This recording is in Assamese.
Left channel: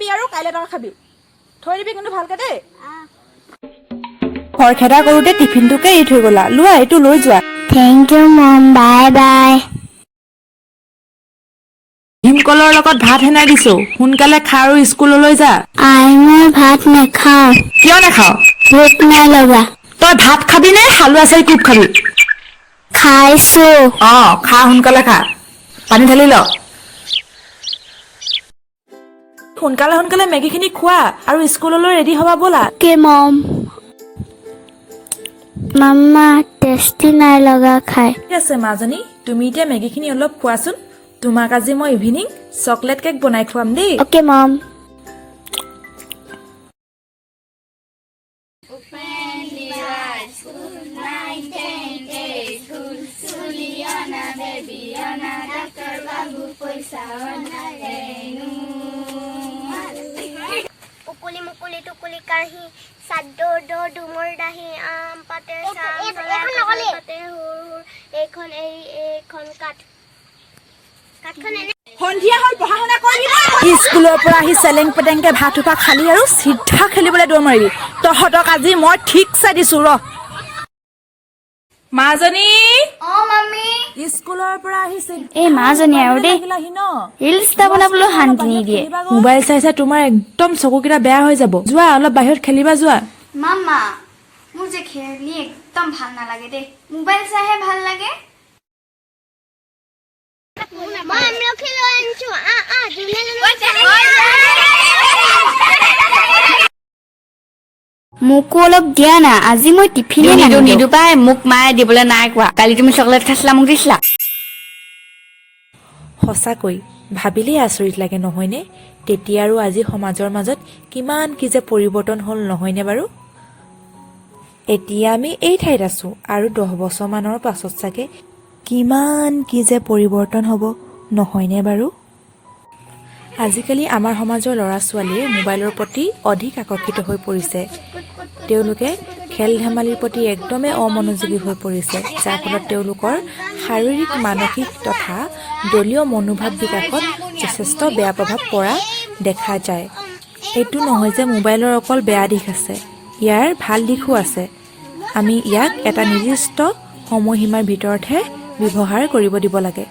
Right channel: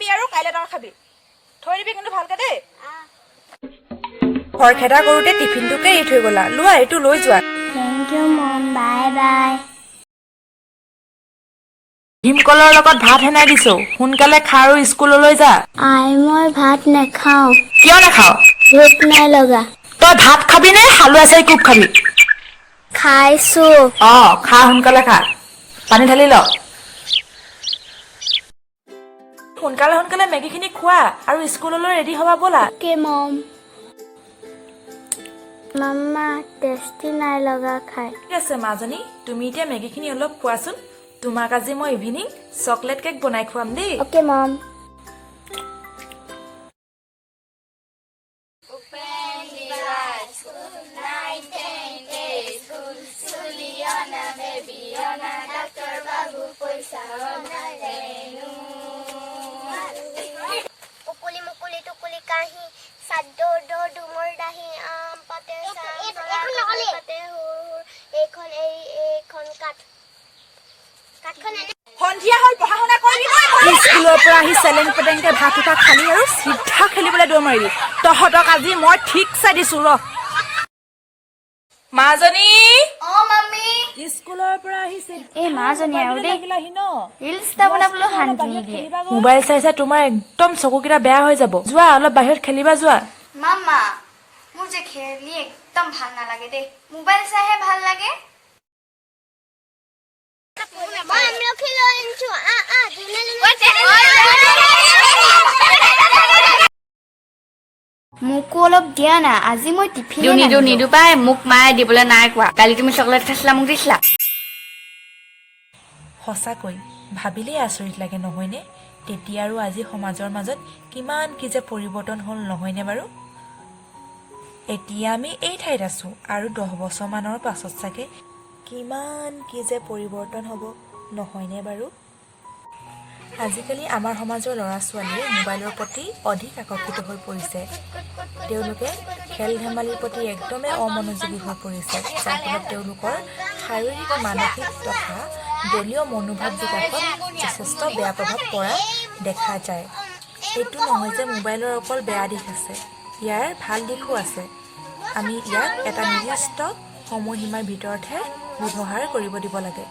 খাবি আৰু কাইলৈ টকা খাবি থৈ দিবি কিন্তু ভালকে দেই খৰখেদা কৰোতে টিফিনটোকে এৰি থৈ গলা লোৱা এইটো লৈ যোৱা thank you mom bye bye ভীমকলৰ লগত ভাত হেনাই দিছো সোনকালে খা আৰু স্কুললৈ যা মই ভাত নাখাওঁ কিয় নাখাও ভোক নাই লগা তই ভাত খাবি নে হালোৱা চাই কোব খাবি খাইছো খা সোনকালে খা পানী ঢালি ল সোনকালে সোনকালে মেগীখিনি খোৱা আৰু স্কুললৈ ৰেডি হবা ব'লা কি মম মাম্মা টেষ্টি নাই লগা খাই ঠিক আছে মাজনী তুমি এতিয়া মেগীখিনি অলপ খোৱাচোন তোমাক আজি মই ইভিনিং চকলেট কেক বনাই খুৱাম দেই অকে মম উকুলি মুকুলি টুকুলি কাহি চাদৰ দৰ ডুমৰ দাহি আম পাতে পাতে এইখন কাঠখন এনে সন্ধিয়া হ'ল পঢ়া শুনা কৰিবি স্কুলৰ পৰা আহি চেলেন পেটেংকে ভাত উঠা খালি আৰু চিধা খেলিবলৈ দৌৰ মাৰিবি তহঁতক আজি মই ঠিক চাই দিছো ৰ মাজনী মাম্মি স্কুলৰ পৰা আহিছে এই মাজনী আৰু দেই ৰিলছ এটা বনাবলৈ শান্তি নিদিয়ে মোবাইল চাই চাই তোমাৰ একদম চকুকেইটা বেয়া হৈ যাব যোৱা অলপ বাহিৰত খেলিবা যোৱা মাম্মা মোৰ যে খেলি একদম ভাল নালাগে দেই মোবাইল চাইহে ভাল লাগে মই আমলখি লৈ আনিছো মোকো অলপ দিয়া না আজি মই টিফিনে নিদো পাই মোক মায়ে দিবলৈ নাই কোৱা কালি তুমি চকলেট খাইছিলা মোক দিছিলা সঁচাকৈ ভাবিলেই আচৰিত লাগে নহয়নে তেতিয়া আৰু আজি সমাজৰ মাজত কিমান কি যে পৰিৱৰ্তন হ'ল নহয়নে বাৰু এতিয়া আমি এই ঠাইত আছো আৰু 10 বছৰমানৰ পাছত চাগে কিমান কি যে পৰিৱৰ্তন হ'ব নহয়নে বাৰু আজিকালি আমাৰ সমাজৰ ল'ৰা ছোৱালীয়ে মোবাইলৰ প্ৰতি অধিক আকৰ্ষিত হৈ পৰিছে তেওঁলোকে খেল ধেমালিৰ প্ৰতি একদমেই অমনোযোগী হৈ পৰিছে যাৰ ফলত তেওঁলোকৰ শাৰীৰিক মানসিক তথা দলীয় মনোভাৱ বিকাশত যথেষ্ট বেয়া প্ৰভাৱ পৰা দেখা যায় এইটো নহয় যে মোবাইলৰ অকল বেয়া দিশ আছে ইয়াৰ ভাল দিশো আছে আমি ইয়াক এটা নিৰ্দিষ্ট সময়সীমাৰ ভিতৰতহে ব্যৱহাৰ কৰিব দিব লাগে